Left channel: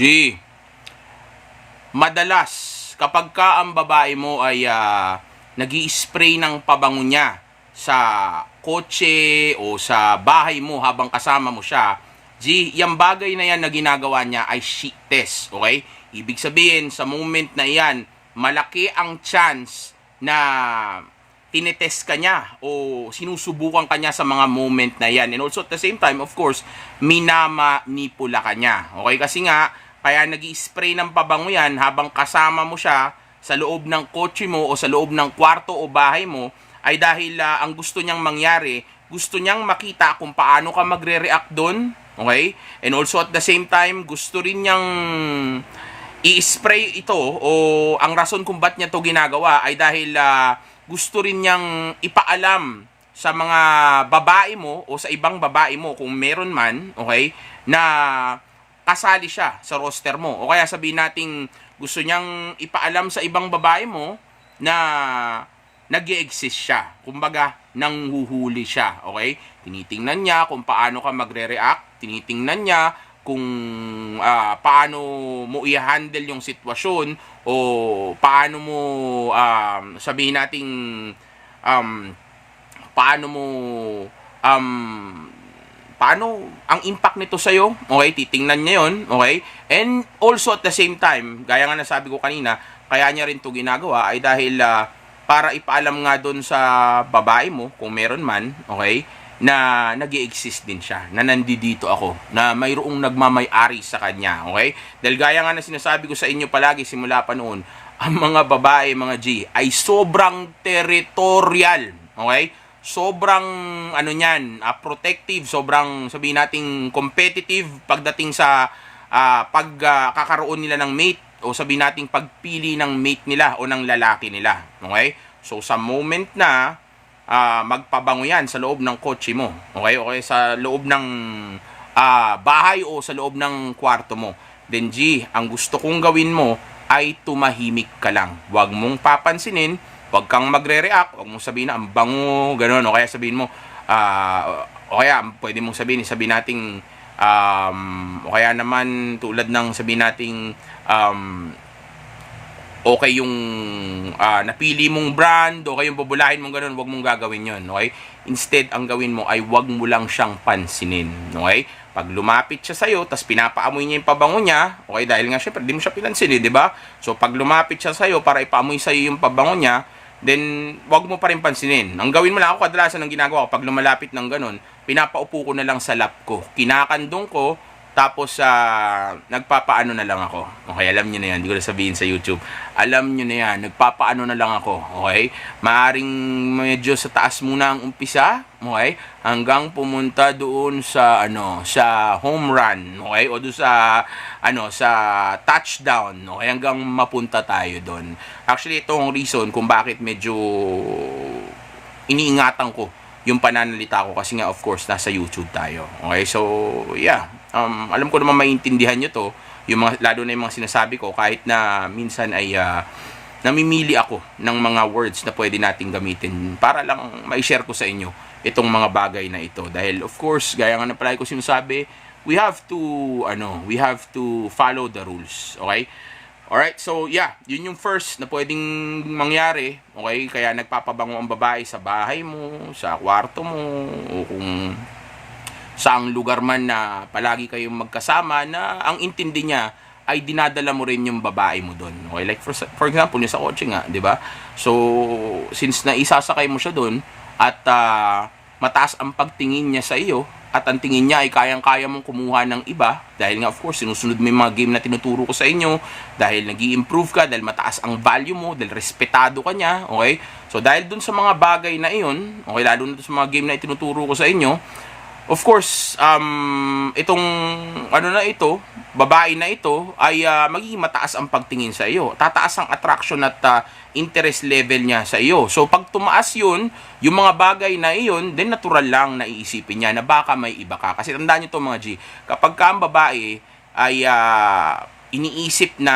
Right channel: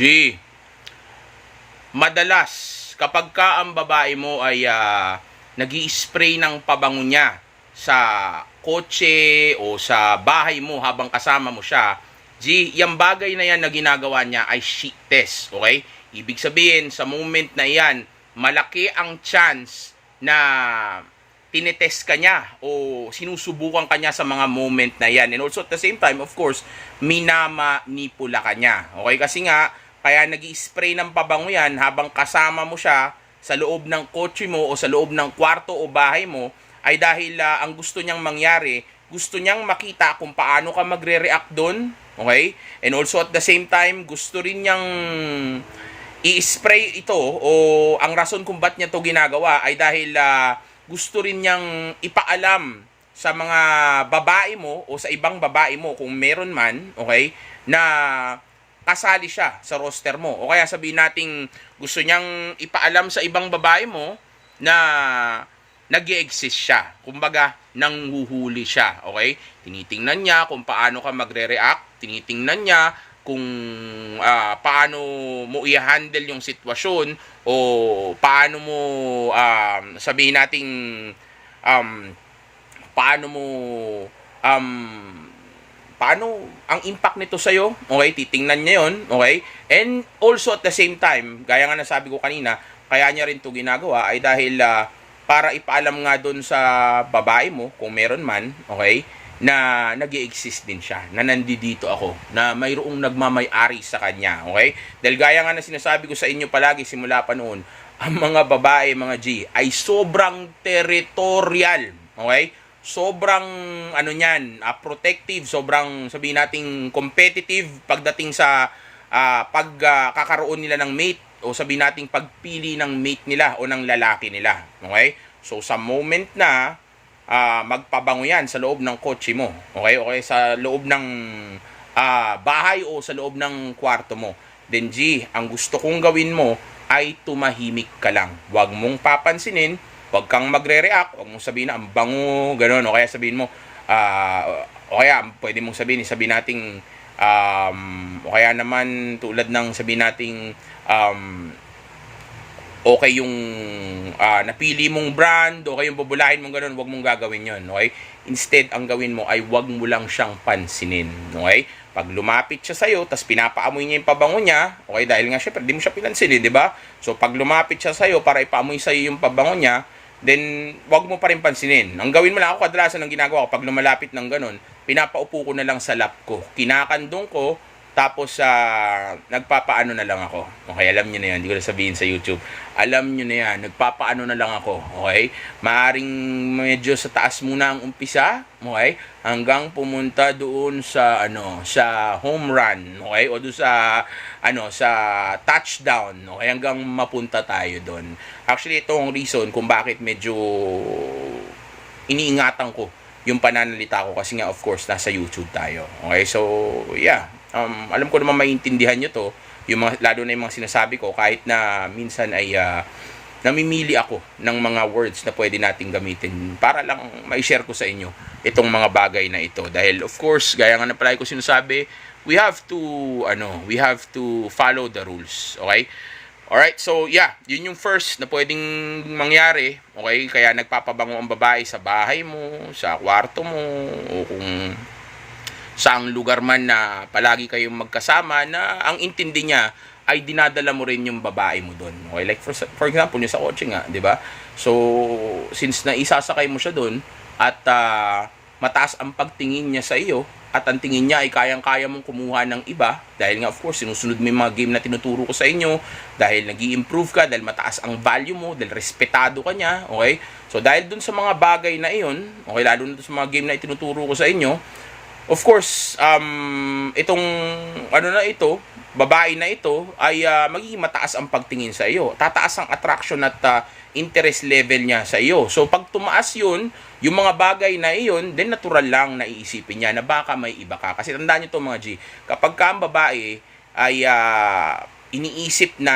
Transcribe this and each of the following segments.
G, madalas kapag ka ang babae mo ay nag-i-spray ng pabango niya sa kotse o sa bahay mo habang kasama mo siya, G, yung bagay na yan na ginagawa niya ay shit test, okay? Ibig sabihin, sa moment na yan, malaki ang chance na tinetest ka niya o sinusubukan ka niya sa mga moment na yan. And also at the same time, of course, minamanipula ka niya. Okay? Kasi nga, kaya nag-i-spray ng pabango yan habang kasama mo siya sa loob ng kotse mo o sa loob ng kwarto o bahay mo ay dahil ang gusto niyang mangyari, gusto niyang makita kung paano ka magre-react doon. Okay? And also at the same time, gusto rin niyang i-spray ito o ang rason kung ba't niya to ginagawa ay dahil gusto rin niyang ipaalam sa mga babae mo o sa ibang babae mo kung meron man, okay, na kasali siya sa roster mo. O kaya sabihin nating gusto niyang ipaalam sa ibang babae mo na nag-i-exist siya. Kumbaga, nanghuhuli siya. Okay? Tinitingnan niya kung paano ka magre-react. Tinitingnan niya kung paano mo i-handle yung sitwasyon o paano mo sabihin nating paano mo paano ang impact nito sa iyo, okay? Titingnan niya 'yon, okay? And also at the same time, gaya nga nasabi ko kanina, kaya niya rin 'to ginagawa ay dahil para ipaalam nga doon sa babae mo kung meron man, okay? Na nag-i-exist din siya, na nandito ako, na mayroong nagmamay-ari sa kanya, okay? Dahil gaya nga na sinasabi ko sa inyo palagi simula pa noon, ang mga babae, mga G, ay sobrang territorial, okay? Sobrang protective, sobrang sabihin nating competitive pagdating sa pagkakaroon nila ng mate o sabihin nating pagpili ng mate nila o ng lalaki nila, okay? So sa moment na magpabango yan sa loob ng kotse mo, okay? Okay, sa loob ng bahay o sa loob ng kwarto mo, then G, ang gusto kong gawin mo ay tumahimik ka lang. Huwag mong papansinin, huwag kang magre-react, huwag mong sabihin na ang bango, gano'n, o kaya sabihin mo, o kaya pwede mong sabihin nating, o kaya naman tulad ng sabihin nating, okay yung napili mong brand, okay yung bubulahin mong gano'n, huwag mong gagawin yon, okay? Instead, ang gawin mo ay huwag mo lang siyang pansinin, okay? Pag lumapit siya sa'yo, tas pinapaamoy niya yung pabango niya, okay, dahil nga syempre, di mo siya pinansin, di ba? So, pag lumapit siya sa'yo para ipaamoy sa'yo yung pabango niya, then, wag mo pa rin pansinin. Ang gawin mo lang ako, kadalasan ng ginagawa ko, pag lumalapit ng ganun, pinapaupo ko na lang sa lap ko. Kinakandong ko, tapos nagpapaano na lang ako. Okay, alam niyo na yan. Hindi ko na sabihin sa YouTube. Alam niyo na yan. Nagpapaano na lang ako. Okay? Maaring medyo sa taas muna ang umpisa. Okay? Hanggang pumunta doon sa sa home run. Okay? O doon sa sa touchdown. Okay? Hanggang mapunta tayo doon. Actually, ito ang reason kung bakit medyo iniingatan ko yung pananalita ko kasi nga of course nasa YouTube tayo. Okay? So, yeah. Alam ko naman maintindihan nyo to, yung mga, lalo na yung mga sinasabi ko, kahit na minsan ay namimili ako ng mga words na pwede nating gamitin para lang ma-share ko sa inyo itong mga bagay na ito. Dahil of course, gaya nga na palagi ko sinasabi, we have to follow the rules. Okay? Alright, so yeah, yun yung first na pwedeng mangyari. Okay? Kaya nagpapabango ang babae sa bahay mo, sa kwarto mo, o kung saang lugar man na palagi kayong magkasama na ang intindi niya ay dinadala mo rin yung babae mo doon. Okay, like for example, yung sa kotse nga, 'di ba? So, since na isasakay mo siya doon at mataas ang pagtingin niya sa iyo at ang tingin niya ay kayang-kaya mong kumuha ng iba dahil nga of course sinusunod mo yung mga game na tinuturo ko sa inyo, dahil nag-i-improve ka, dahil mataas ang value mo, dahil respetado ka niya, okay? So, dahil doon sa mga bagay na iyon, okay, lalo na sa mga game na itinuturo ko sa inyo, of course, itong babae na ito ay magiging mataas ang pagtingin sa iyo. Tataas ang attraction at interest level niya sa iyo. So pag tumaas 'yun, yung mga bagay na iyon, then natural lang na iisipin niya na baka may iba ka. Kasi tandaan niyo to mga G, kapag ka ang babae ay iniisip na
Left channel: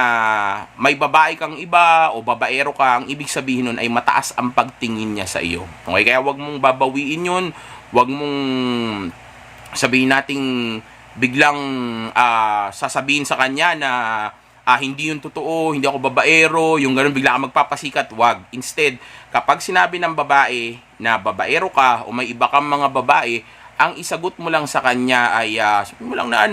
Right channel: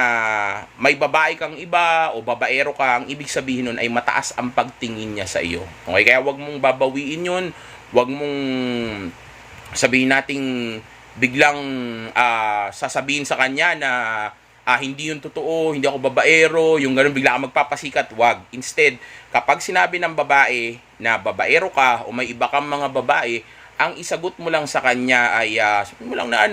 may babae kang iba o babaero ka, ang ibig sabihin nun ay mataas ang pagtingin niya sa iyo. Okay, kaya wag mong babawiin 'yun. Wag mong sabihin nating biglang sasabihin sa kanya na hindi yun totoo, hindi ako babaero, yung ganun bigla ka magpapasikat, wag. Instead, kapag sinabi ng babae na babaero ka o may iba kang mga babae, ang isagot mo lang sa kanya ay sabihin mo lang na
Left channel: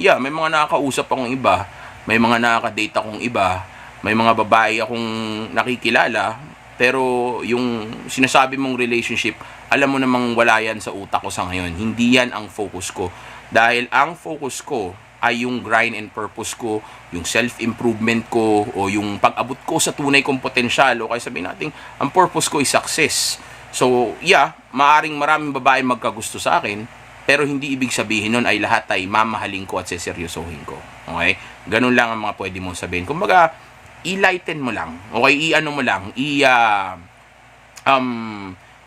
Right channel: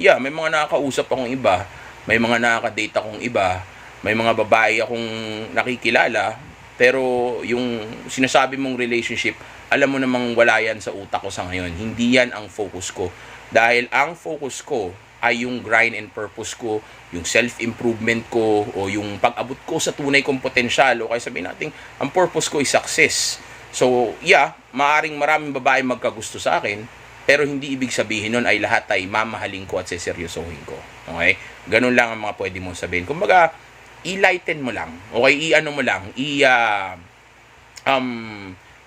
yeah, may mga nakakausap akong iba, may mga nakaka-date akong iba, may mga babae akong nakikilala, pero yung sinasabi mong relationship, alam mo namang wala yan sa utak ko sa ngayon. Hindi yan ang focus ko. Dahil ang focus ko ay yung grind and purpose ko, yung self-improvement ko, o yung pag-abot ko sa tunay kong potensyal, o kaya sabihin natin, ang purpose ko is success. So, yeah, maaring maraming babae magkagusto sa akin, pero hindi ibig sabihin nun ay lahat ay mamahalin ko at seseryosohin ko. Okay? Ganun lang ang mga pwede mong sabihin. Kumbaga, i-lighten mo lang. Okay? I-ano mo lang.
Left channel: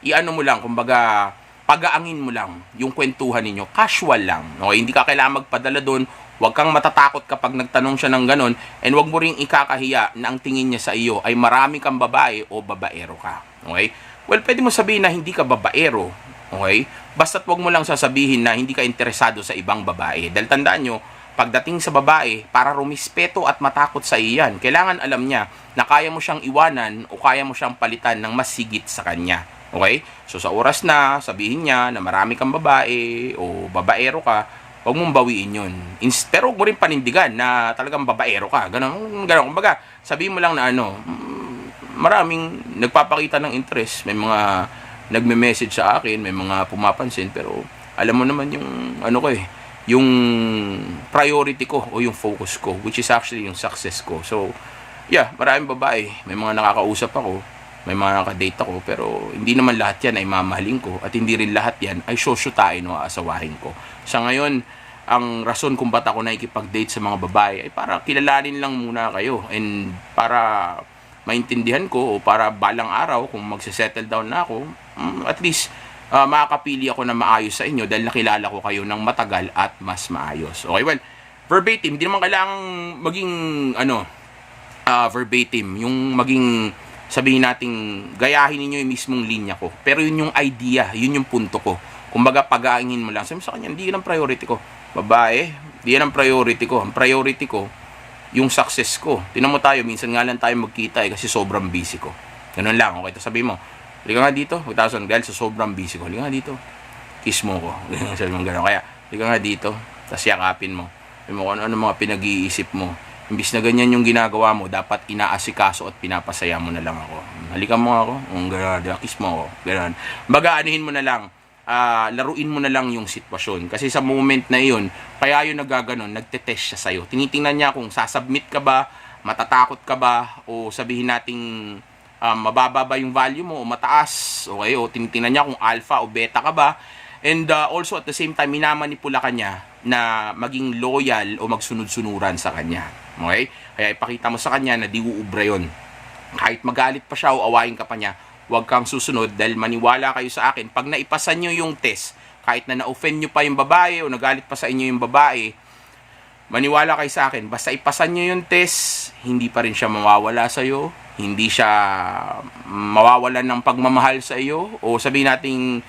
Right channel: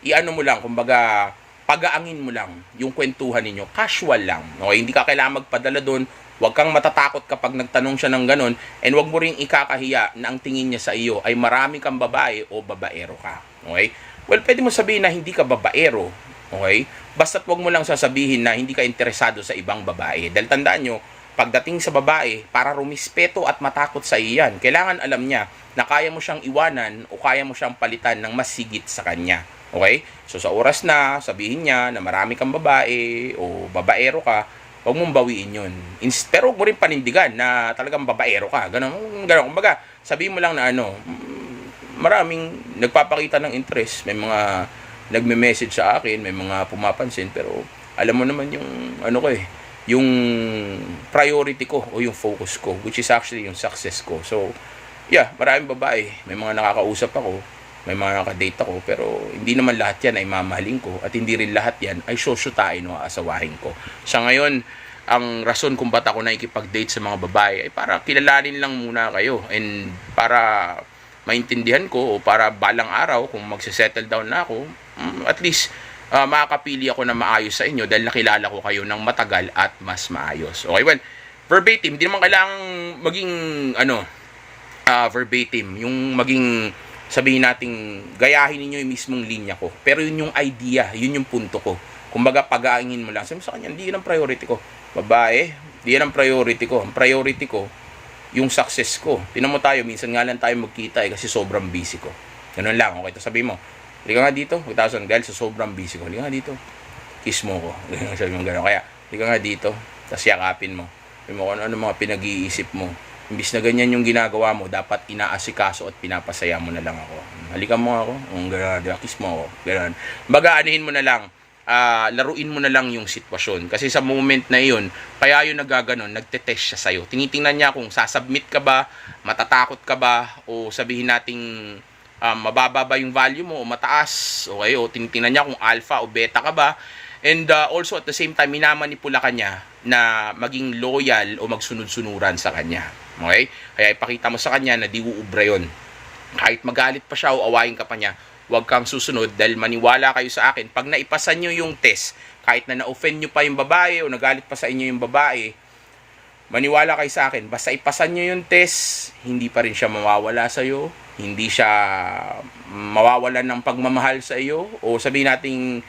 I-ano mo lang. Kumbaga, pagaangin mo lang yung kwentuhan ninyo. Casual lang. Okay? Hindi ka kailangan magpadala doon. Huwag kang matatakot kapag nagtanong siya ng ganun. And huwag mo ring ikakahiya na ang tingin niya sa iyo ay marami kang babae o babaero ka. Okay? Well, pwede mo sabihin na hindi ka babaero. Okay? Basta't huwag mo lang sasabihin na hindi ka interesado sa ibang babae. Dahil tandaan nyo, pagdating sa babae, para rumispeto at matakot sa iyan, kailangan alam niya na kaya mo siyang iwanan o kaya mo siyang palitan ng mas sigit sa kanya. Okay? So sa oras na sabihin niya na marami kang babae o babaero ka, huwag mong bawiin yun. Pero huwag mo rin panindigan na talagang babaero ka. Ganun. Kumbaga, sabihin mo lang na maraming nagpapakita ng interest. May mga nagme-message sa akin, may mga pumapansin, pero alam mo naman yung yung priority ko o yung focus ko, which is actually yung success ko. So, yeah, maraming babae, may mga nakakausap ako, may mga nakadate ako, pero hindi naman lahat yan ay mamahalin ko at hindi rin lahat yan ay sosyutain o aasawahin ko. Sa ngayon, ang rason kung ba't ako nakikipag-date sa mga babae ay para kilalanin lang muna kayo and para maintindihan ko o para balang araw kung magse-settle down na ako, at least makakapili ako na maayos sa inyo dahil nakilala ko kayo ng matagal at mas maayos. Okay, well, verbatim, hindi naman kailangang maging verbatim, yung maging sabihin nating gayahin niyo yung mismong linya ko. Pero yun yung idea, yun yung punto ko. Kumbaga pag-aangin mo lang. Sabi sa kanya, hindi yan ang priority ko. Babae, hindi yan ang priority ko. Ang priority ko, yung success ko. Tinan mo tayo, minsan nga lang tayo magkita kasi sobrang busy ko. Ganun lang, okay? Tapos sabi mo, liga nga dito, dahil sa sobrang busy ko, liga nga dito, kiss mo ko. Sabi mo gano'n. Kaya, liga nga dito, tapos yakapin mo. Sabi mo kung ano mga pinag-iisip mo. Imbis na ganyan yung ginagawa mo, dapat inaasikaso at pinapasaya mo na lang ako. Halikan mo ako, gano'n, kiss mo ako. Gano'n. Baga, anihin mo na lang. Laruin mo na lang yung sitwasyon. Kasi sa moment na iyon, kaya yung nagaganon, nagtetest siya sa'yo. Tinitingnan niya kung sasubmit ka ba, matatakot ka ba, o sabihin nating mababa ba yung value mo o mataas. Okay? O tinitingnan niya kung alpha o beta ka ba. And also at the same time, minamanipula ka niya na maging loyal o magsunod-sunuran sa kanya. Okay? Kaya ipakita mo sa kanya na di uubra yun. Kahit magalit pa siya o awayin ka pa niya, huwag kang susunod dahil maniwala kayo sa akin. Pag naipasan nyo yung test, kahit na na-offend nyo pa yung babae o nagalit pa sa inyo yung babae, maniwala kayo sa akin. Basta ipasan nyo yung test, hindi pa rin siya mawawala sa iyo, hindi siya mawawalan ng pagmamahal sa iyo, o sabihin nating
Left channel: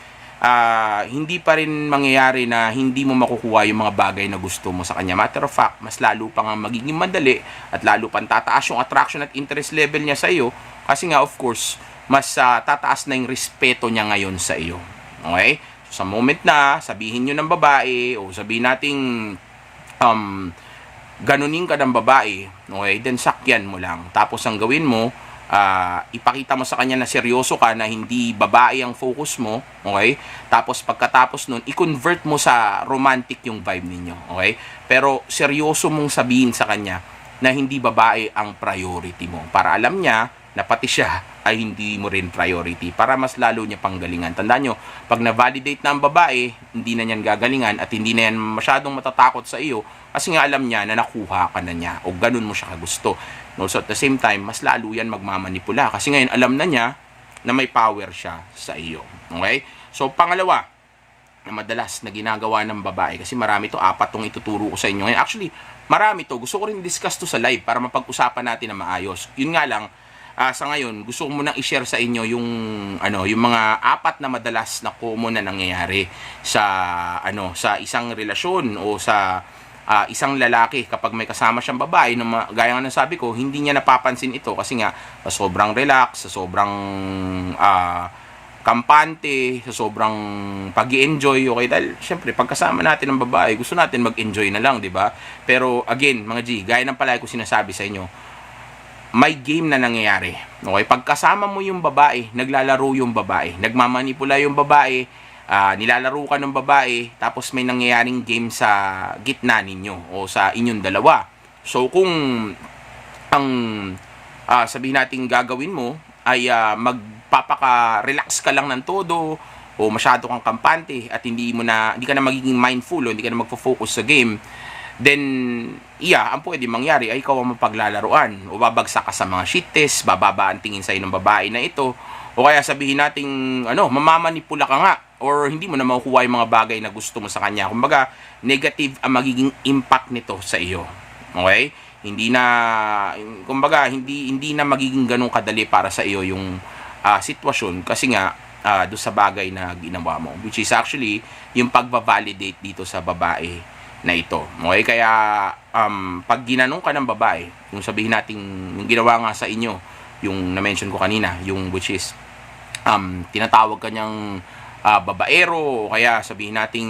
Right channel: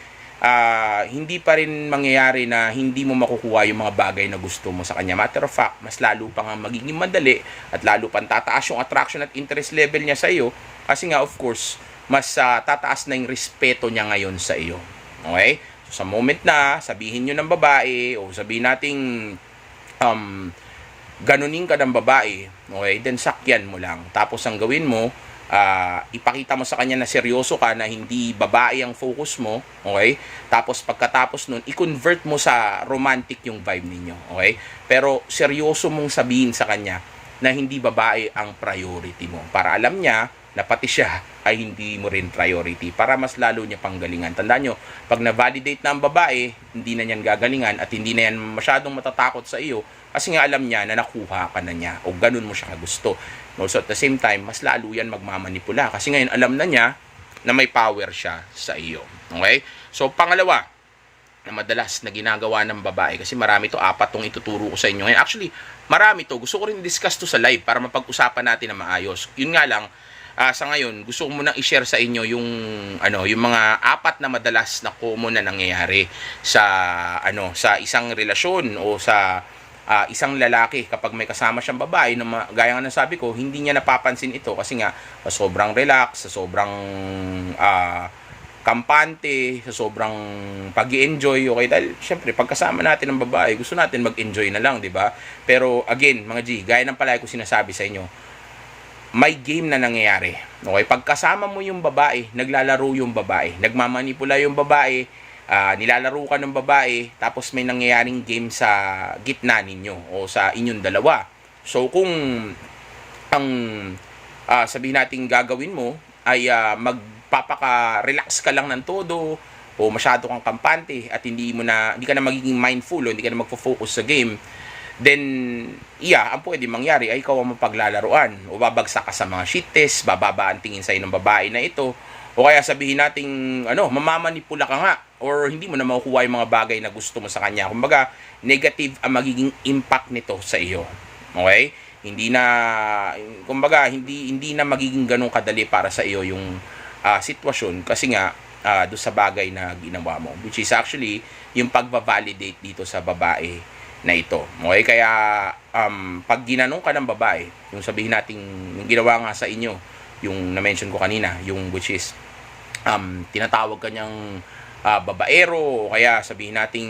hindi pa rin mangyayari na hindi mo makukuha yung mga bagay na gusto mo sa kanya. Matter of fact, mas lalo pa nga magiging madali at lalo pang tataas yung attraction at interest level niya sa iyo kasi nga of course, mas tataas na yung respeto niya ngayon sa iyo. Okay? So, sa moment na sabihin nyo ng babae o sabihin nating ganunin ka ng babae, okay, then sakyan mo lang. Tapos ang gawin mo, ipakita mo sa kanya na seryoso ka, na hindi babae ang focus mo, okay? Tapos pagkatapos nun, i-convert mo sa romantic yung vibe ninyo, okay? Pero seryoso mong sabihin sa kanya na hindi babae ang priority mo para alam niya na pati siya ay hindi mo rin priority para mas lalo niya panggalingan. Tandaan nyo, pag na-validate na ang babae, hindi na niyan gagalingan at hindi na yan masyadong matatakot sa iyo kasi nga alam niya na nakuha ka na niya o ganun mo siya kagusto. So at the same time, mas lalo yan magmamanipula kasi ngayon alam na niya na may power siya sa iyo. Okay? So pangalawa, na madalas na ginagawa ng babae, kasi marami to, 4 tong ituturo ko sa inyo. Ngayon, actually, marami to. Gusto ko rin discuss to sa live para mapag-usapan natin na maayos. Yun nga lang, sa ngayon, gusto ko munang i-share sa inyo yung yung mga apat na madalas na common na nangyayari sa sa isang relasyon o sa isang lalaki kapag may kasama siyang babae na gaya nga ng sabi ko, hindi niya napapansin ito kasi nga sa sobrang relax, sa sobrang kampante, sa sobrang pag-i-enjoy, okay? Dahil, syempre, pagkasama natin ng babae, gusto natin mag-enjoy na lang, di ba? Pero, again, mga G, gaya ng palagi ko sinasabi sa inyo, may game na nangyayari. Okay? Pagkasama mo yung babae, naglalaro yung babae, nagmamanipula yung babae, nilalaro ka ng babae, tapos may nangyayaring game sa gitna ninyo o sa inyong dalawa. So, kung ang sabihin natin gagawin mo ay magpapaka-relax ka lang ng todo o masyado kang kampante at hindi ka na magiging mindful o hindi ka na magfo-focus sa game, then ang pwede mangyari ay ikaw ang mapaglalaruan o babagsak ka sa mga shit test, bababa ang tingin sa'yo ng babae na ito, o kaya sabihin nating mamamanipula ka nga or hindi mo na makukuha yung mga bagay na gusto mo sa kanya. Kumbaga, negative ang magiging impact nito sa iyo. Okay? Hindi na magiging ganun kadali para sa iyo yung sitwasyon kasi nga doon sa bagay na ginawa mo, which is actually yung pagbabalidate dito sa babae na ito. Okay? Kaya pag ginanong ka ng babae, yung sabihin natin yung ginawa nga sa inyo, yung na-mention ko kanina, yung which is tinatawag kanyang babaero, o kaya sabihin nating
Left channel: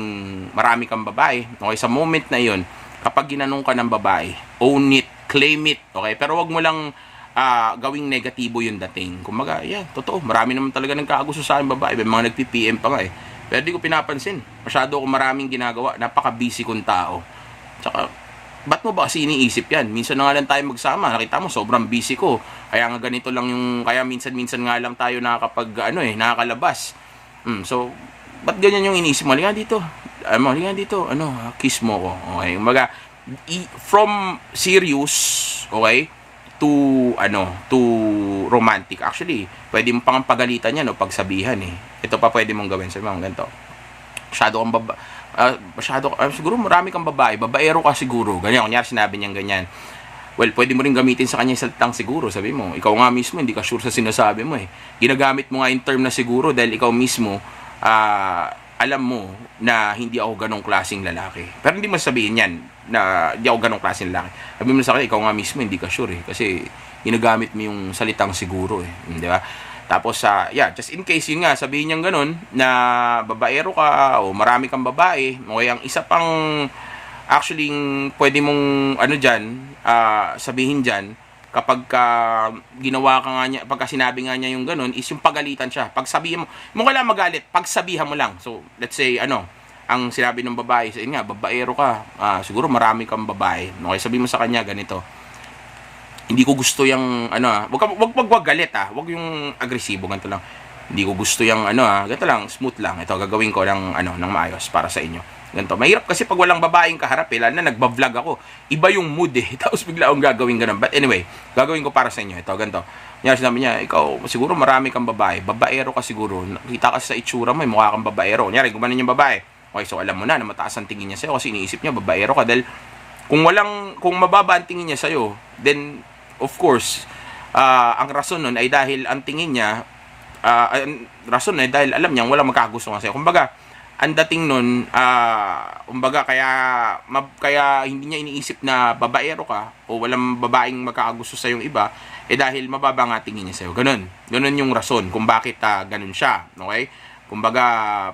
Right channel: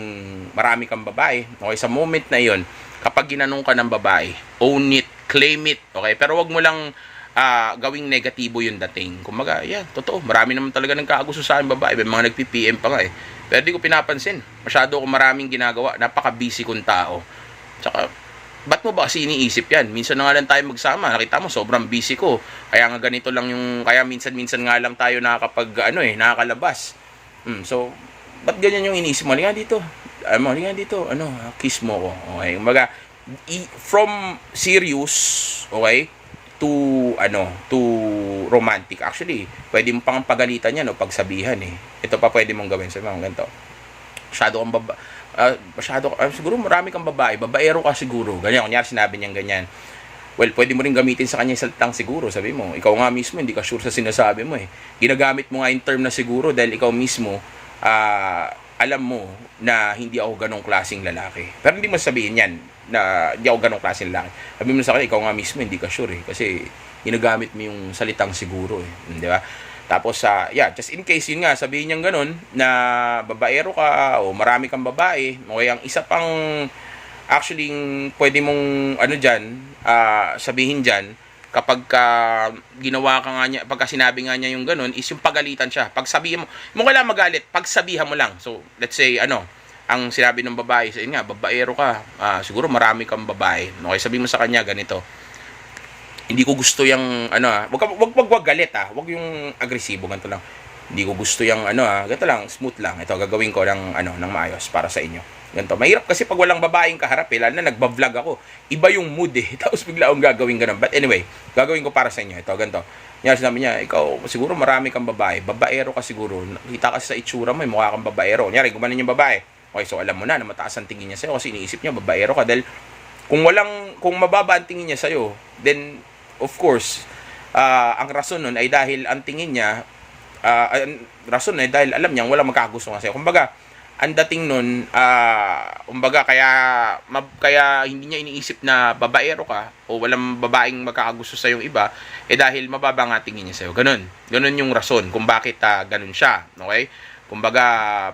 marami kang babae. Okay, sa moment na yon, kapag ginanong ka ng babae, own it, claim it, okay? Pero wag mo lang gawing negatibo yung dating. Kumbaga, totoo, marami naman talaga nagkakagusto sa akin babae, may mga nagpi-PM pa nga eh. Pero di ko pinapansin, masyado ako maraming ginagawa, napaka-busy kong tao. Tsaka, ba't mo ba kasi iniisip yan? Minsan na nga lang tayo magsama, nakita mo, sobrang busy ko. Kaya nga ganito lang kaya minsan nga lang tayo nakakalabas. So, ba't ganyan yung iniisip mo? Halika dito. Kiss mo ko. Okay. Kumbaga, from serious, okay, to romantic. Actually, pwede mo pang pagalitan yan o pagsabihan eh. Ito pa pwede mong gawin sa mga ganito. Siguro marami kang babae. Babaero ka siguro. Ganyan, kunyari sinabi niyang ganyan. Well, pwede mo rin gamitin sa kanya yung salitang siguro. Sabi mo, ikaw nga mismo, hindi ka sure sa sinasabi mo eh. Ginagamit mo nga yung term na siguro dahil ikaw mismo, alam mo na hindi ako ganong klaseng lalaki. Pero hindi mo sabihin yan na hindi ako ganong klaseng lalaki. Sabi mo sa kanya, ikaw nga mismo, hindi ka sure eh. Kasi ginagamit mo yung salitang siguro eh. Di ba? Tapos, just in case, yun nga, sabihin niyang ganon, na babaero ka o marami kang babae, o ang isa pang actually pwede mong sabihin dyan kapag ginawa ka nga niya, pagka sinabi nga niya yung ganun, is yung pagalitan siya. Pag sabihin mo kailangan magalit, pagsabihan mo lang. So, let's say, ang sinabi ng babae, sa nga, babaero ka, siguro marami kang babae. Okay, sabihin mo sa kanya, ganito, hindi ko gusto yung, wag galit wag yung agresibo, ganito lang. Hindi ko gusto yung, ganito lang, smooth lang. Ito, gagawin ko ng maayos para sa inyo. Ganito. Mahirap kasi pag walang babaeng kaharap lalo na nagba-vlog ako. Iba yung mood eh. Tapos bigla akong gagawin ganun. But anyway, gagawin ko para sa inyo. Ito, ganito. Sinabi niya, ikaw, siguro marami kang babae. Babaero ka siguro. Nakita ka sa itsura mo, mukha kang babaero. Kunyari, gumanon yung babae. Okay, so alam mo na mataas ang tingin niya sa'yo kasi iniisip niya, babaero ka. Dahil kung mababa ang tingin niya sa'yo, then, of course, ang rason nun ay dahil ang tingin niya, rason ay dahil alam niya, walang magkakagusto nga sa'yo. Kumbaga, ang dating nun, kaya hindi niya iniisip na babaero ka o walang babaeng magkakagusto sa yung iba, dahil mababa nga tingin niya sa'yo. Ganun yung rason kung bakit ganun siya. Okay? Kumbaga,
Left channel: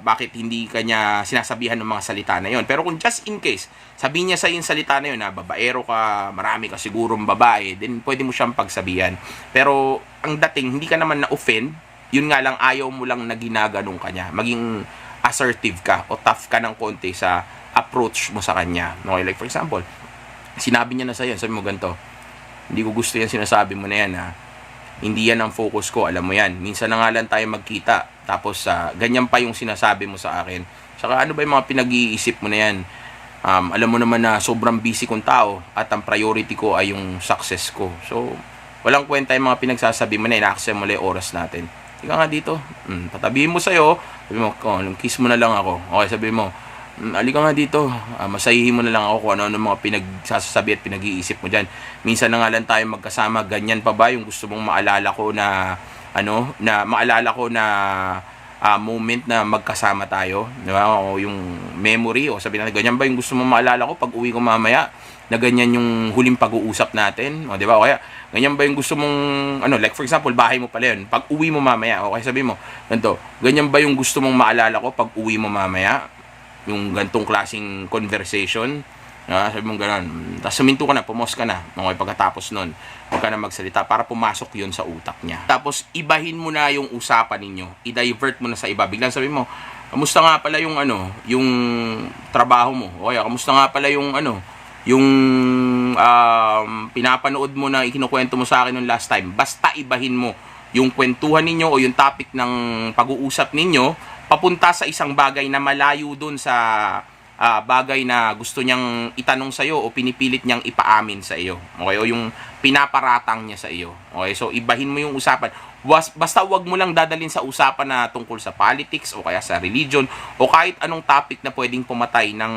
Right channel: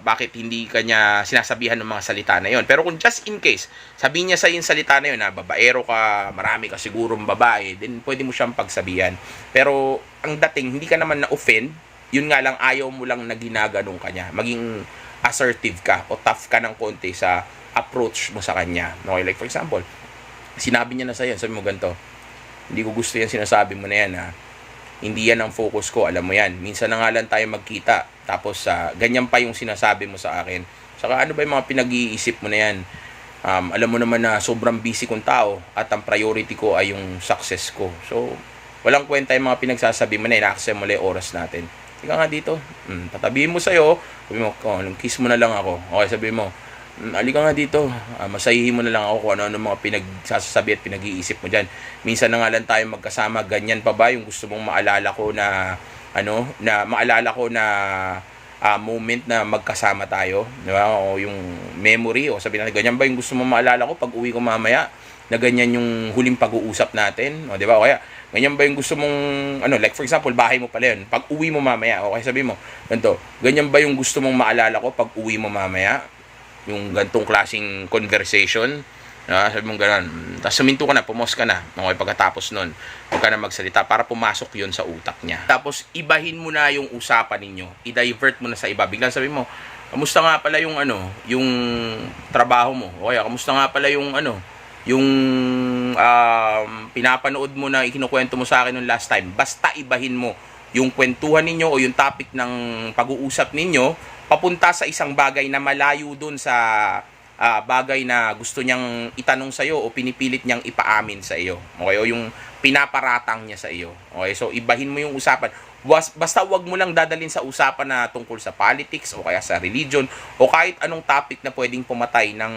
bakit hindi kanya sinasabihan ng mga salita na yon. Pero kung just in case, sabihin niya sa yung salita na yun na babaero ka, marami ka sigurong babae, then pwede mo siyang pagsabihan. Pero ang dating, hindi ka naman na-offend, yun nga lang, ayaw mo lang na ginaganong kanya. Maging assertive ka o tough ka ng konti sa approach mo sa kanya. Okay, like for example, sinabi niya na sa'yo, sabi mo ganito, hindi ko gusto yan sinasabi mo na yan hindi yan ang focus ko, alam mo yan. Minsan na nga lang tayo magkita, tapos ganyan pa yung sinasabi mo sa akin. Saka ano ba yung mga pinag-iisip mo na yan? Alam mo naman na sobrang busy kong tao at ang priority ko ay yung success ko. So, walang kwenta yung mga pinagsasabi mo na ina-accept mo lang yung oras natin. Ika nga dito, patabihin mo sa'yo, sabi mo, kiss mo na lang ako. Okay, sabi mo, Halika nga dito, masahihin mo na lang ako kung ano-ano mga pinagsasabi at pinag-iisip mo dyan. Minsan na nga lang tayo magkasama, ganyan pa ba yung gusto mong maalala ko na, moment na magkasama tayo, di ba? O yung memory, o sabi natin, ganyan ba yung gusto mong maalala ko pag uwi ko mamaya, na ganyan yung huling pag-uusap natin, o di ba? O kaya, ganyan ba yung gusto mong, like for example, bahay mo pala yun, pag uwi mo mamaya, okay, sabi mo, ganito, ganyan ba yung gusto mong maalala ko pag uwi mo mamaya? Yung gantong klaseng conversation, sabi mong gano'n, tapos suminto ka na, pumos ka na, okay, pagkatapos nun, huwag ka na magsalita para pumasok yon sa utak niya. Tapos, ibahin mo na yung usapan ninyo, i-divert mo na sa iba, biglang sabi mo, kamusta nga pala yung yung trabaho mo, okay, kamusta nga pala yung yung pinapanood mo na ikinukwento mo sa akin nung last time. Basta ibahin mo yung kwentuhan ninyo o yung topic ng pag-uusap ninyo papunta sa isang bagay na malayo dun sa bagay na gusto niyang itanong sa iyo o pinipilit niyang ipaamin sa iyo. Okay? O yung pinaparatang niya sa iyo. Okay? So, ibahin mo yung usapan. Basta wag mo lang dadalhin sa usapan na tungkol sa politics o kaya sa religion o kahit anong topic na pwedeng pumatay ng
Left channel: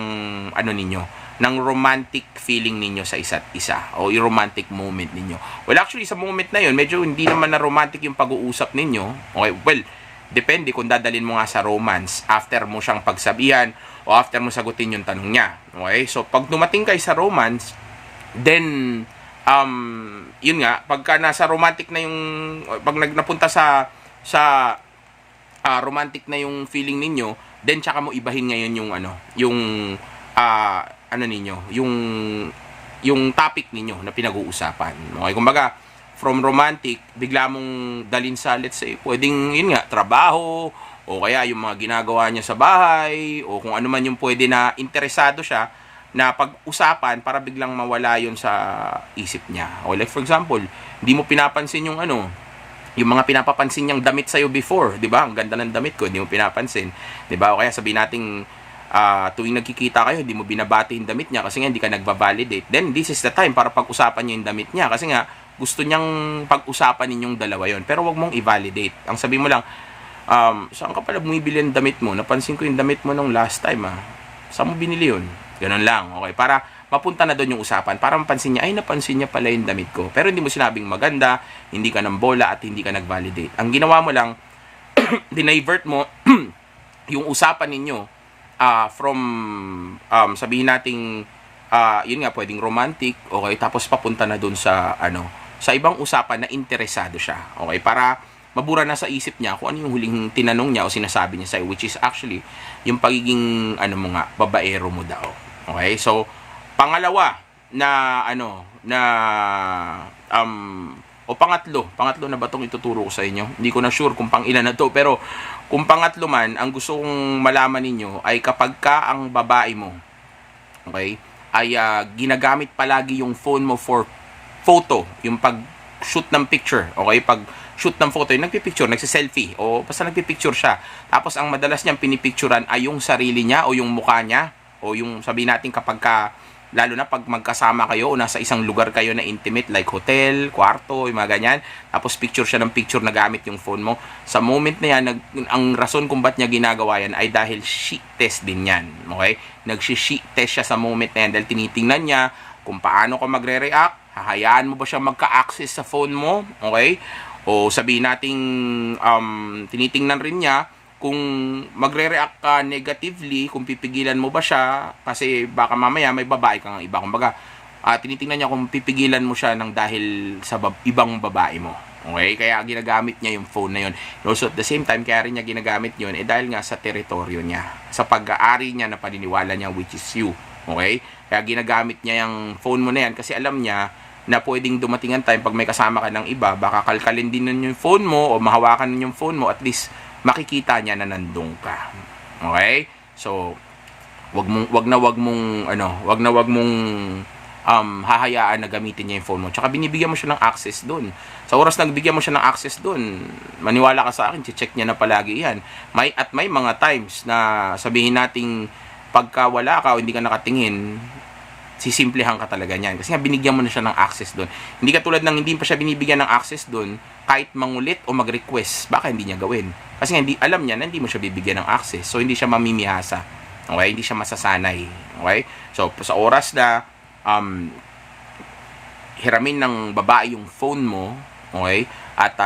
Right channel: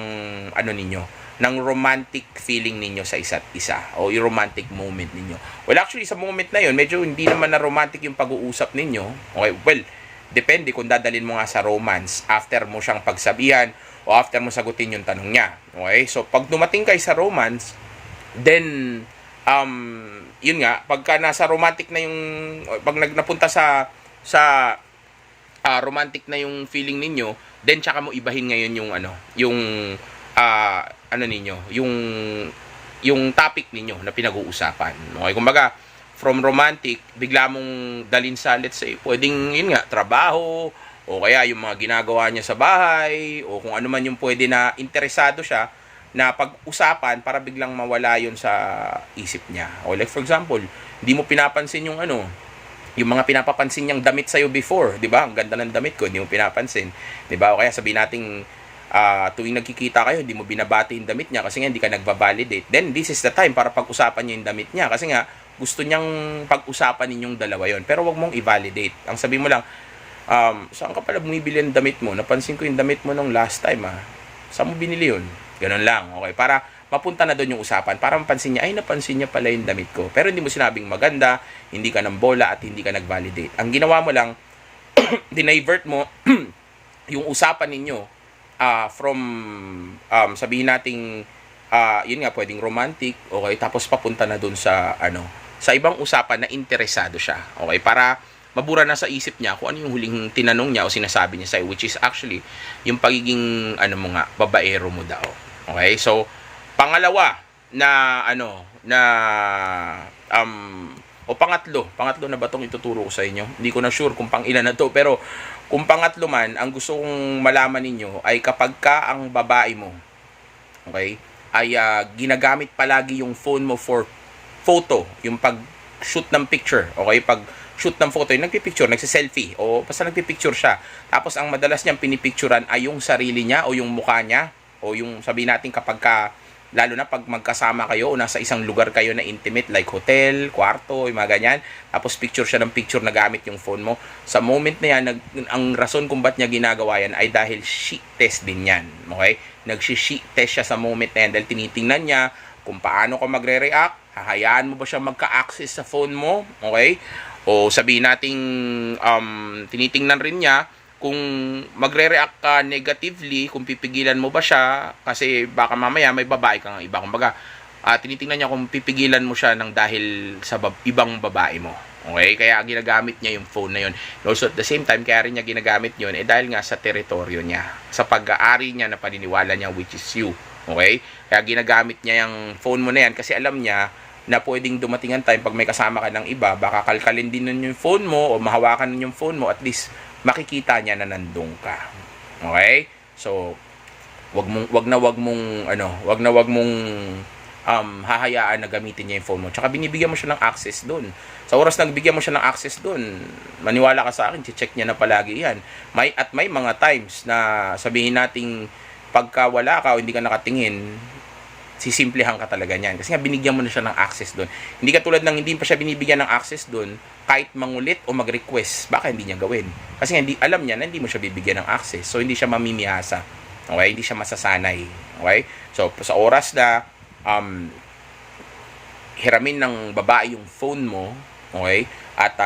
ng romantic feeling ninyo sa isa't isa o yung romantic moment ninyo. Well, actually, sa moment na yun, medyo hindi naman na romantic yung pag-uusap ninyo. Okay? Well, depende kung dadalhin mo nga sa romance after mo siyang pagsabihan o after mo sagutin yung tanong niya. Okay? So, pag dumating kayo sa romance, then, yun nga, pagka nasa romantic na yung, pag napunta sa romantic na yung feeling ninyo, then tsaka mo ibahin ngayon yung topic ninyo na pinag-uusapan. Okay? Kumbaga, from romantic, bigla mong dalhin sa, let's say, pwedeng, yun nga, trabaho, o kaya yung mga ginagawa niya sa bahay, o kung ano man yung pwede na interesado siya, na pag-usapan para biglang mawala yun sa isip niya. O like for example, hindi mo pinapansin yung yung mga pinapapansin niyang damit sa'yo before, di ba? Ang ganda ng damit ko, hindi mo pinapansin. Di ba? O kaya sabihin nating, tuwing nagkikita kayo, hindi mo binabati yung damit niya kasi nga hindi ka nagva-validate. Then, this is the time para pag-usapan niyo yung damit niya kasi nga, gusto niyang pag-usapan ninyong dalawa yon. Pero wag mong i-validate. Ang sabi mo lang, saan ka pala bumibili ng damit mo? Napansin ko yung damit mo nung last time, Saan mo binili yun? Ganun lang, okay? Para mapunta na doon yung usapan. Para mapansin niya, ay napansin niya pala yung damit ko. Pero hindi mo sinabing maganda, hindi ka ng bola, at hindi ka nag-validate. Ang ginawa mo lang, dinivert mo yung usapan ninyo from, sabihin nating, yun nga, pwedeng romantic, okay? Tapos papunta na doon sa, sa ibang usapan na interesado siya. Okay? Para mabura na sa isip niya kung ano yung huling tinanong niya o sinasabi niya sa'yo, which is actually yung pagiging, babaero mo daw. Okay? So, pangalawa na, pangatlo na ba itong ituturo ko sa inyo? Hindi ko na sure kung pang ilan na to, pero kung pangatlo man, ang gusto kong malaman ninyo ay kapag ka ang babae mo, okay, ay ginagamit palagi yung phone mo for photo, yung pag-shoot ng picture, okay? Pag-shoot ng photo, yung nagpipicture, nagsiselfie, o basta nagpipicture siya. Tapos, ang madalas niyang pinipicturan ay yung sarili niya, o yung mukha niya, o yung, sabihin natin kapag ka, lalo na pag magkasama kayo, o nasa isang lugar kayo na intimate, like hotel, kwarto, yung mga ganyan, tapos picture siya ng picture na gamit yung phone mo. Sa moment na yan, ang rason kung ba't niya ginagawa yan ay dahil sheet test din yan, okay? Nagsi-sheet test siya sa moment na yan dahil tinitingnan niya kung paano ka magre-react, hahayaan mo ba siya magka-access sa phone mo, okay? O sabihin nating tinitingnan rin niya kung magre-react ka negatively, kung pipigilan mo ba siya, kasi baka mamaya may babae kang iba. Kumbaga, tinitingnan niya kung pipigilan mo siya ng dahil sa ibang babae mo. Okay? Kaya ginagamit niya yung phone na yun. Also at the same time, kaya rin niya ginagamit yun, dahil nga sa teritoryo niya, sa pag-aari niya na paniniwala niya, which is you. Okay? Kaya ginagamit niya yung phone mo na yan kasi alam niya na pwedeng dumating ang time pag may kasama ka ng iba, baka kalkalin din nun yung phone mo o mahawakan nun yung phone mo, at least makikita niya na nandun ka. Okay? So, wag mong hahayaan na gamitin niya yung phone mo. Tsaka binibigyan mo siya ng access doon. Sa oras na bigyan mo siya ng access doon, maniwala ka sa akin, check niya na palagi yan. May mga times na sabihin nating pagka wala ka o hindi ka nakatingin, sisimplihan ka talaga niyan. Kasi nga binigyan mo na siya ng access doon. Hindi ka tulad ng hindi pa siya binibigyan ng access doon, kahit mangulit o mag-request, baka hindi niya gawin. Kasi nga alam niya na hindi mo siya bibigyan ng access. So, hindi siya mamimihasa. Okay? Hindi siya masasanay. Okay? So, sa oras na hiramin ng babae yung phone mo, okay? At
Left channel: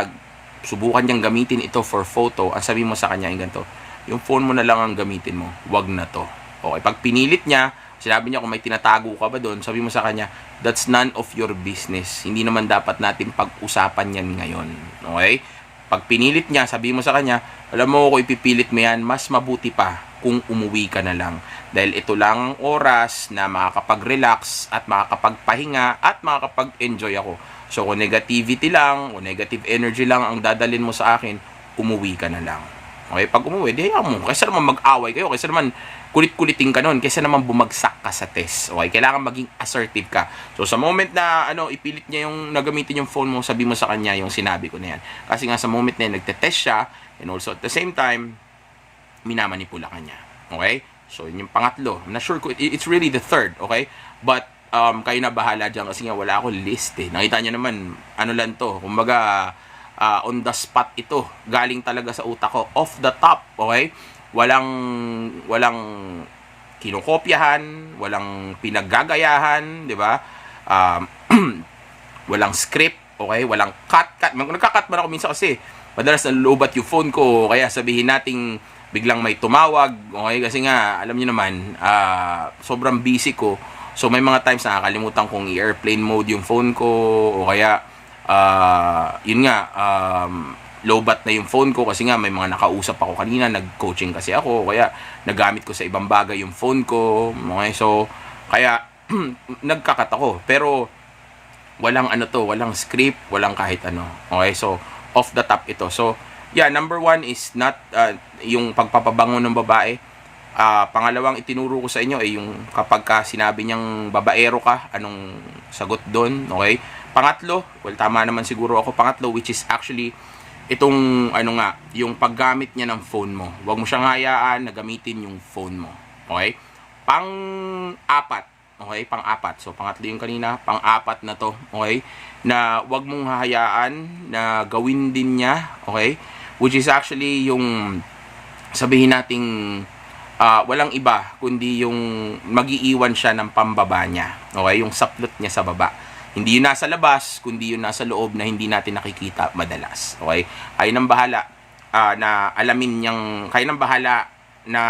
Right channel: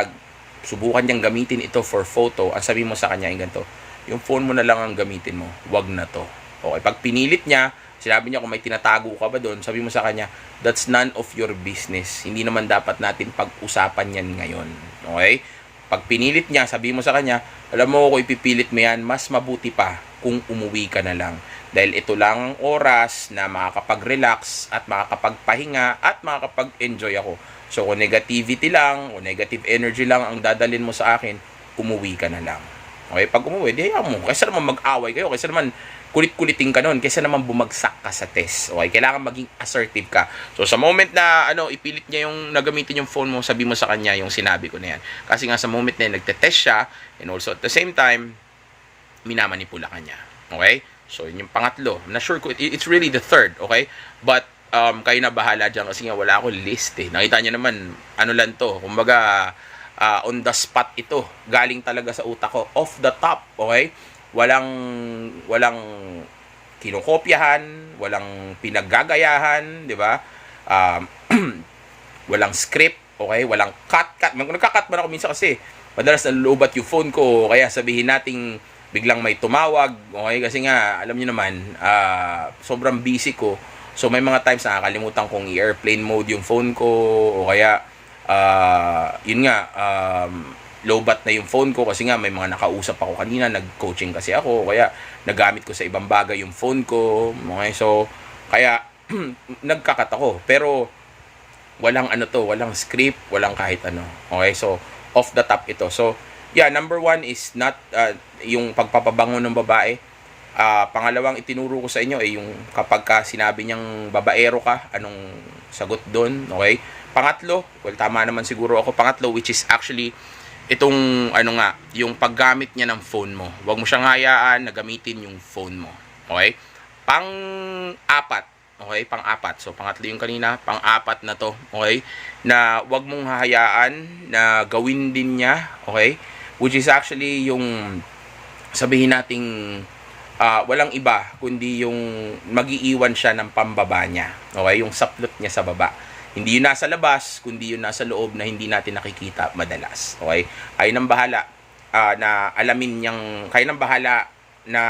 subukan niyang gamitin ito for photo, ang sabi mo sa kanya yung ganito, yung phone mo na lang ang gamitin mo, wag na to. Okay? Pag pinilit niya, sinabi niya kung may tinatago ka ba doon, sabi mo sa kanya, that's none of your business. Hindi naman dapat natin pag-usapan yan ngayon. Okay? Pag pinilit niya, sabi mo sa kanya, alam mo kung ipipilit mo yan, mas mabuti pa kung umuwi ka na lang. Dahil ito lang ang oras na makakapag-relax at makakapagpahinga at makakapag-enjoy ako. So kung negativity lang o negative energy lang ang dadalhin mo sa akin, umuwi ka na lang. Okay, pag umuwi, di hayaan mo. Kaysa naman mag-away kayo, kaysa naman kulit-kuliting ka nun, kaysa naman bumagsak ka sa test. Okay, kailangan maging assertive ka. So sa moment na ipilit niya yung nagamitin yung phone mo, sabi mo sa kanya yung sinabi ko na yan. Kasi nga sa moment na nagte-test siya, and also at the same time, minamanipula ka niya. Okay? So, yun yung pangatlo. I'm not sure kung it's really the third. Okay? But, kayo na bahala dyan kasi nga wala akong list eh. Nakita niyo naman, ano lang to. Kumbaga, on the spot ito. Galing talaga sa utak ko. Off the top. Okay? Walang kinokopyahan, walang pinaggagayahan, di ba? Walang script, okay? Walang cut. Nagka-cut man ako minsan kasi madalas nalulobat yung phone ko, kaya sabihin nating biglang may tumawag, okay? Kasi nga, alam niyo naman, sobrang busy ko. So, may mga times na nakakalimutan kong i-airplane mode yung phone ko, o kaya, yun nga, low-bat na yung phone ko kasi nga may mga nakausap ako kanina, nag-coaching kasi ako, kaya nagamit ko sa ibang bagay yung phone ko, okay? So, kaya, nagkakat ako. Pero, walang walang script, walang kahit ano. Okay, so, off the top ito. So, yeah, number one is not yung pagpapabango ng babae. Pangalawang itinuro ko sa inyo ay yung kapag ka sinabi niyang babaero ka, anong sagot doon, okay? Pangatlo, well, tama naman siguro ako, pangatlo, which is actually itong yung paggamit niya ng phone mo. Huwag mo siyang hayaan na gamitin yung phone mo. Okay? Pang-apat. Okay? Pang-apat. So, pangatlo yung kanina. Pang-apat na to. Okay? Na huwag mong hahayaan na gawin din niya. Okay? Which is actually yung sabihin nating walang iba kundi yung mag-iiwan siya ng pambaba niya. Okay? Yung saplot niya sa baba. Hindi yun nasa labas, kundi yun nasa loob na hindi natin nakikita madalas. Okay? Kayo nang bahala na alamin niyang, kayo nang bahala na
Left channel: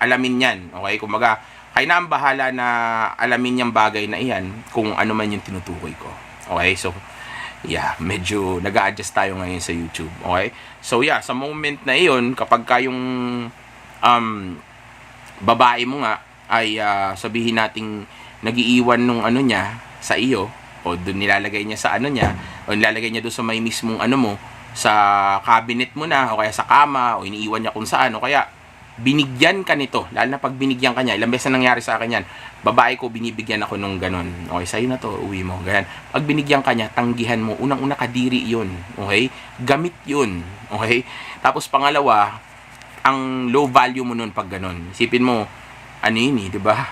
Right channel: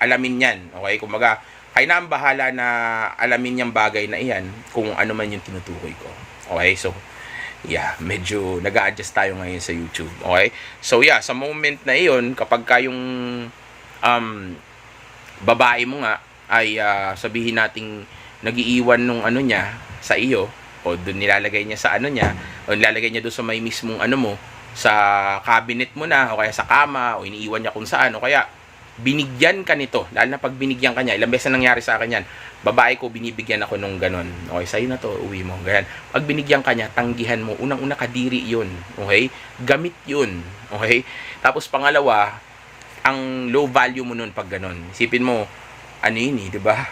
alamin yan. Okay? Kumbaga, kayo na ang bahala na alamin niyang bagay na iyan kung ano man yung tinutukoy ko. Okay? So, yeah, medyo nag-a-adjust tayo ngayon sa YouTube. Okay? So, yeah, sa moment na iyon, kapag kayong babae mo nga ay sabihin nating nag-iiwan nung niya sa iyo, o doon nilalagay niya sa niya, o nilalagay niya doon sa may mismong mo, sa cabinet mo na, o kaya sa kama, o iniiwan niya kung saan, o kaya binigyan ka nito, lalo na pag binigyan ka niya, ilang beses na nangyari sa akin yan, babae ko, binibigyan ako nung ganon, okay, sa'yo na to, uwi mo, ganyan. Pag binigyan ka niya, tanggihan mo, unang-una kadiri yun, okay, gamit yun, okay, tapos pangalawa, ang low value mo nun pag ganon, isipin mo, yun diba,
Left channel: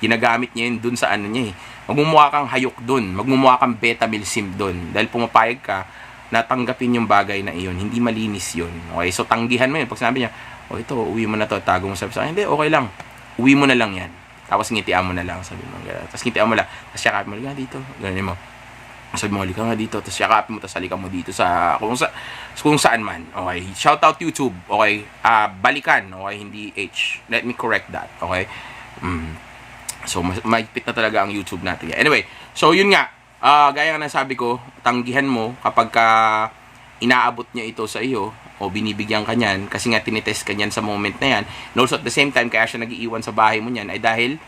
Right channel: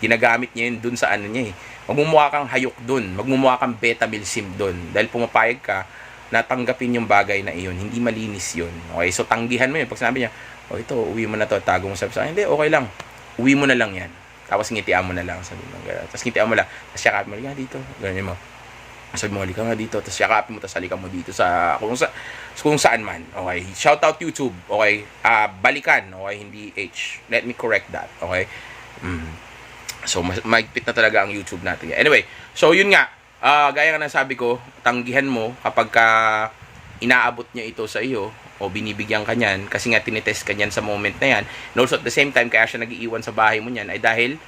ginagamit niya yun dun sa niya magmumukha kang hayok dun, magmumukha kang beta-milsim dun, dahil pumapayag ka na tanggapin yung bagay na iyon, hindi malinis yun, okay, so tanggihan mo yun, pag sinabi niya, ito, uwi mo na to, tago mo, sabi sa akin, hindi, okay lang, uwi mo na lang yan, tapos ngitian mo na lang, sabi mo, tapos ngitian mo lang, tapos yakapin mo, halika dito, ganyan mo, sabi mo, halika nga dito, tapos yakapin mo, tapos halika mo dito sa, kung saan man, okay, shout out YouTube, okay, balikan, okay, hindi H, let me correct that, okay, so, maigpit na talaga ang YouTube natin. Anyway, so yun nga, gaya nga nasabi ko, tanggihan mo kapag ka inaabot niya ito sa iyo, o binibigyan ka niyan, kasi nga tinitest ka niyan sa moment na yan, and also at the same time, kaya siya nag-iiwan sa bahay mo niyan, ay dahil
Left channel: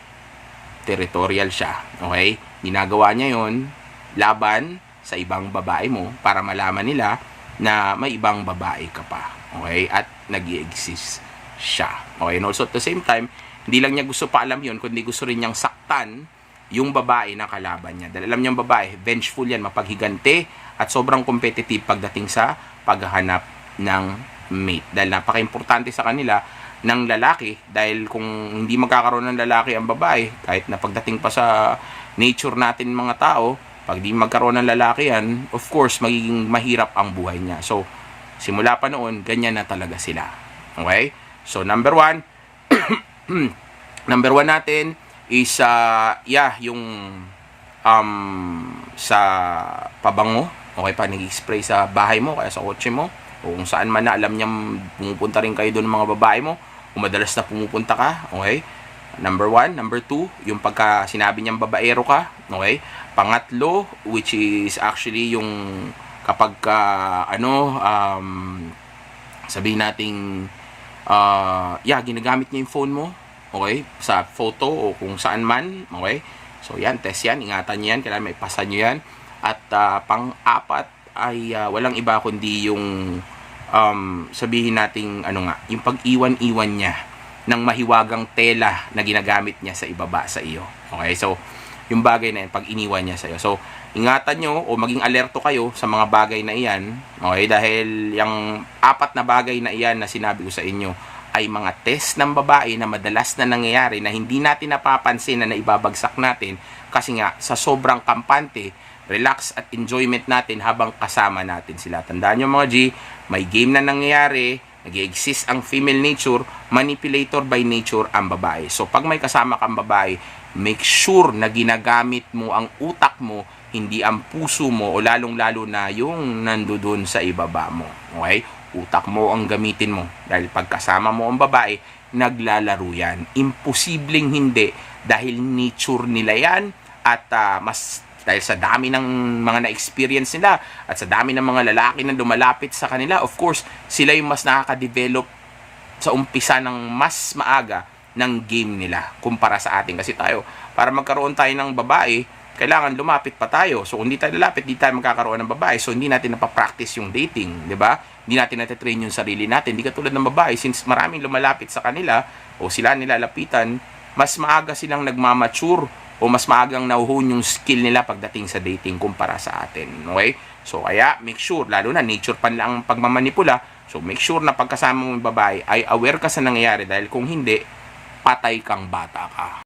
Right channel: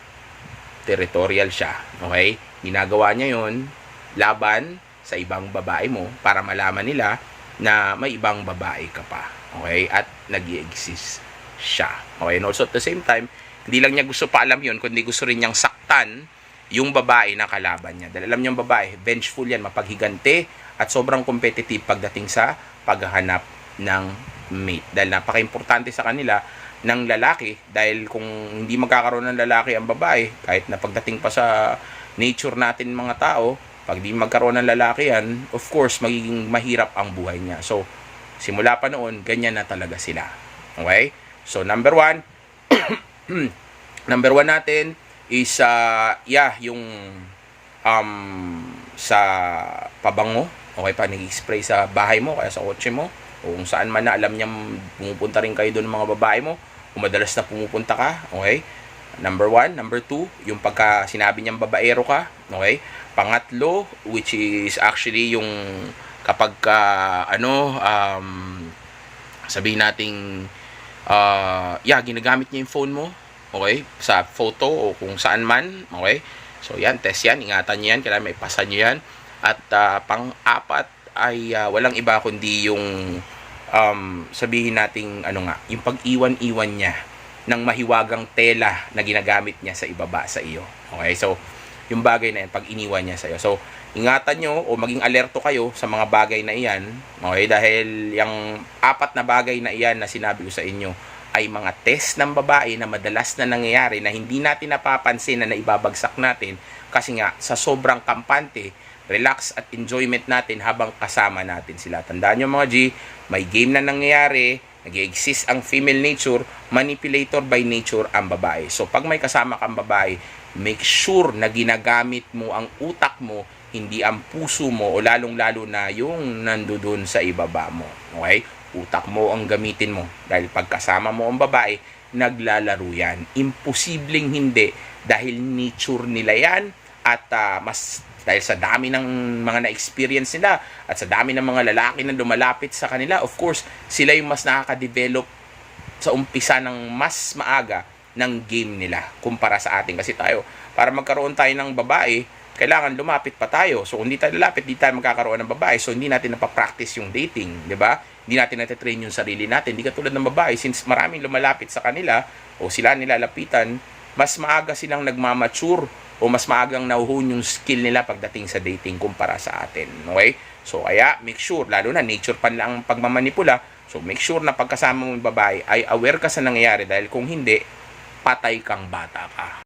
territorial siya. Okay? Ginagawa niya yon laban sa ibang babae mo, para malaman nila na may ibang babae ka pa. Okay? At nag-i-exist siya. Okay? And also at the same time, hindi lang niya gusto pa alam yun, kundi gusto rin niyang saktan yung babae na kalaban niya. Dahil alam niyang babae, vengeful yan, mapaghigante, at sobrang competitive pagdating sa paghahanap ng mate. Dahil napaka-importante sa kanila ng lalaki, dahil kung hindi magkakaroon ng lalaki ang babae, kahit na pagdating pa sa nature natin mga tao, pag di magkaroon ng lalaki yan, of course, magiging mahirap ang buhay niya. So, simula pa noon, ganyan na talaga sila. Okay? So, number one, Number one natin is, yung sa pabango. Okay, pa nag-spray sa bahay mo, kaya sa kotse mo, o kung saan man na alam niyang pumupunta rin kayo doon ng mga babae mo, kung madalas na pumupunta ka, okay? Number one. Number two, yung pagka sinabi niyang babaero ka, okay? Pangatlo, which is actually yung kapag sabihin nating ginagamit niya yung phone mo, okay, sa photo o kung saan man, okay. So yan, test yan, ingatan niyo yan, kailangan may pasa niyo yan. At pang-apat ay walang iba kundi yung sabihin nating yung pag-iwan-iwan niya ng mahiwagang tela na ginagamit niya sa ibaba sa iyo. Okay, so yung bagay na yun, pag iniwan niya sa iyo. So ingatan nyo o maging alerto kayo sa mga bagay na iyan, okay, dahil yung apat na bagay na iyan na sinabi ko sa inyo ay mga test ng babae na madalas na nangyayari na hindi natin napapansin na naibabagsak natin kasi nga sa sobrang kampante, relax at enjoyment natin habang kasama natin sila. Tandaan nyo mga G, may game na nangyayari, nag-exist ang female nature, manipulator by nature ang babae. So pag may kasama kang babae, make sure na ginagamit mo ang utak mo, hindi ang puso mo o lalong-lalo na yung nandoon sa ibaba mo. Okay? Utak mo ang gamitin mo. Dahil pagkasama mo ang babae, naglalaro yan. Imposibleng hindi dahil nature nila yan at dahil sa dami ng mga na-experience nila at sa dami ng mga lalaki na lumalapit sa kanila, of course, sila yung mas nakaka-develop sa umpisa ng mas maaga ng game nila kumpara sa atin. Kasi tayo, para magkaroon tayo ng babae, kailangan lumapit pa tayo. So, kung hindi tayo lalapit, hindi tayo magkakaroon ng babae. So, hindi natin napapractice yung dating, di ba? Hindi natin natitrain yung sarili natin. Hindi katulad ng babae, since maraming lumalapit sa kanila o sila nilalapitan, mas maaga silang nagmamature o mas maagang nahuhun yung skill nila pagdating sa dating kumpara sa atin. Okay? So, kaya make sure, lalo na nature pa lang ang pagmamanipula. So, make sure na pagkasama mo yung babae ay aware ka sa nangyayari dahil kung hindi, patay kang bata ka.